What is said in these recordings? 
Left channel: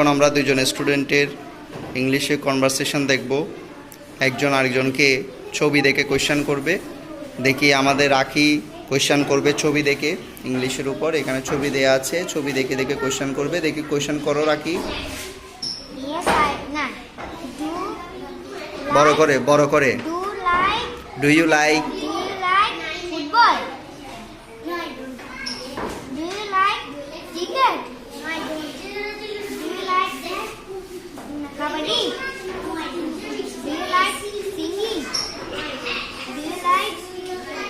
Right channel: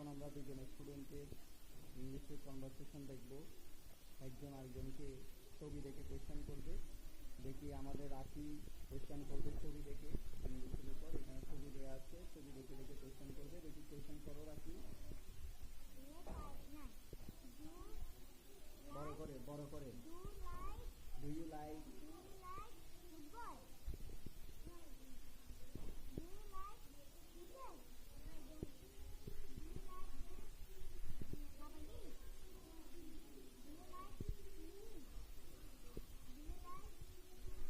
এখন আমরা দুজন স্টুডেন্টের ইংলিশে কনভারসেশন দেখব। একজন আরেকজনকে ছবি দেখে কোয়েশ্চেন করবে। দেখি আমাদের রাখি কোয়েশ্চেন করবে ছবি দেখে ইংলিশের উপর। এখানে ছবি দেয়া আছে, ছবি দেখে দেখে কোয়েশ্চেন করবে। দেখি কোয়েশ্চেন করো রাখি। বড় করে বড় করে। Do you like football? Do you like cricket? Do you like kabaddi? Do you like singing? Do you like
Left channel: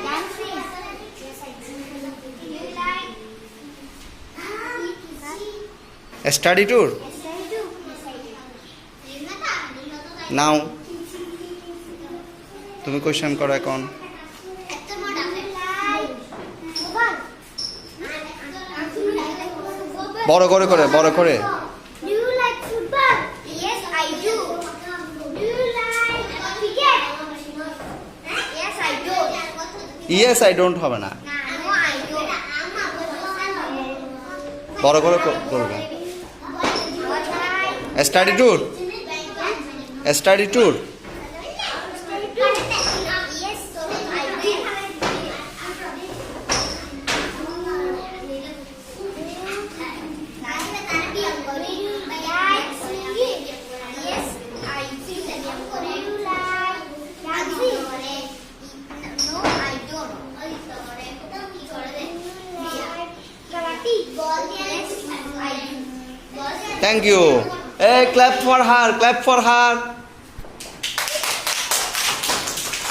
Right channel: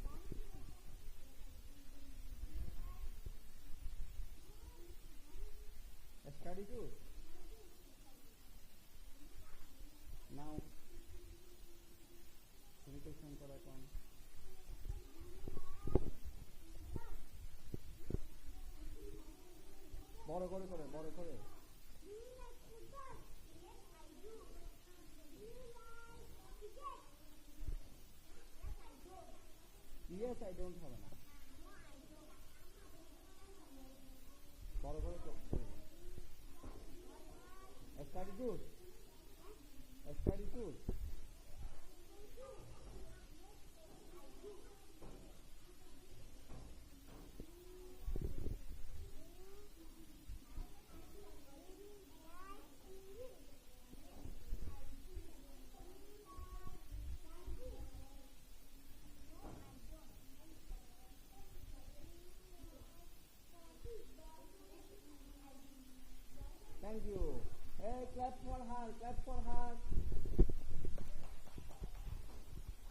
dancing? Do you like study tour নাও। তুমি কোয়েশ্চেন করো এখন। বড় করে করে বড় করে। Do you like football? Yes, I do. Do you like cricket? Yes, I do. Yes I don't হবে না, No, I don't. বড় করে করবে। Study tour, study tour. Yes, I do. Like singing? Yes, I do. Do you like dancing? No, I don't. Karate? Yes, I do. Thank you. A clap for her, clap for her.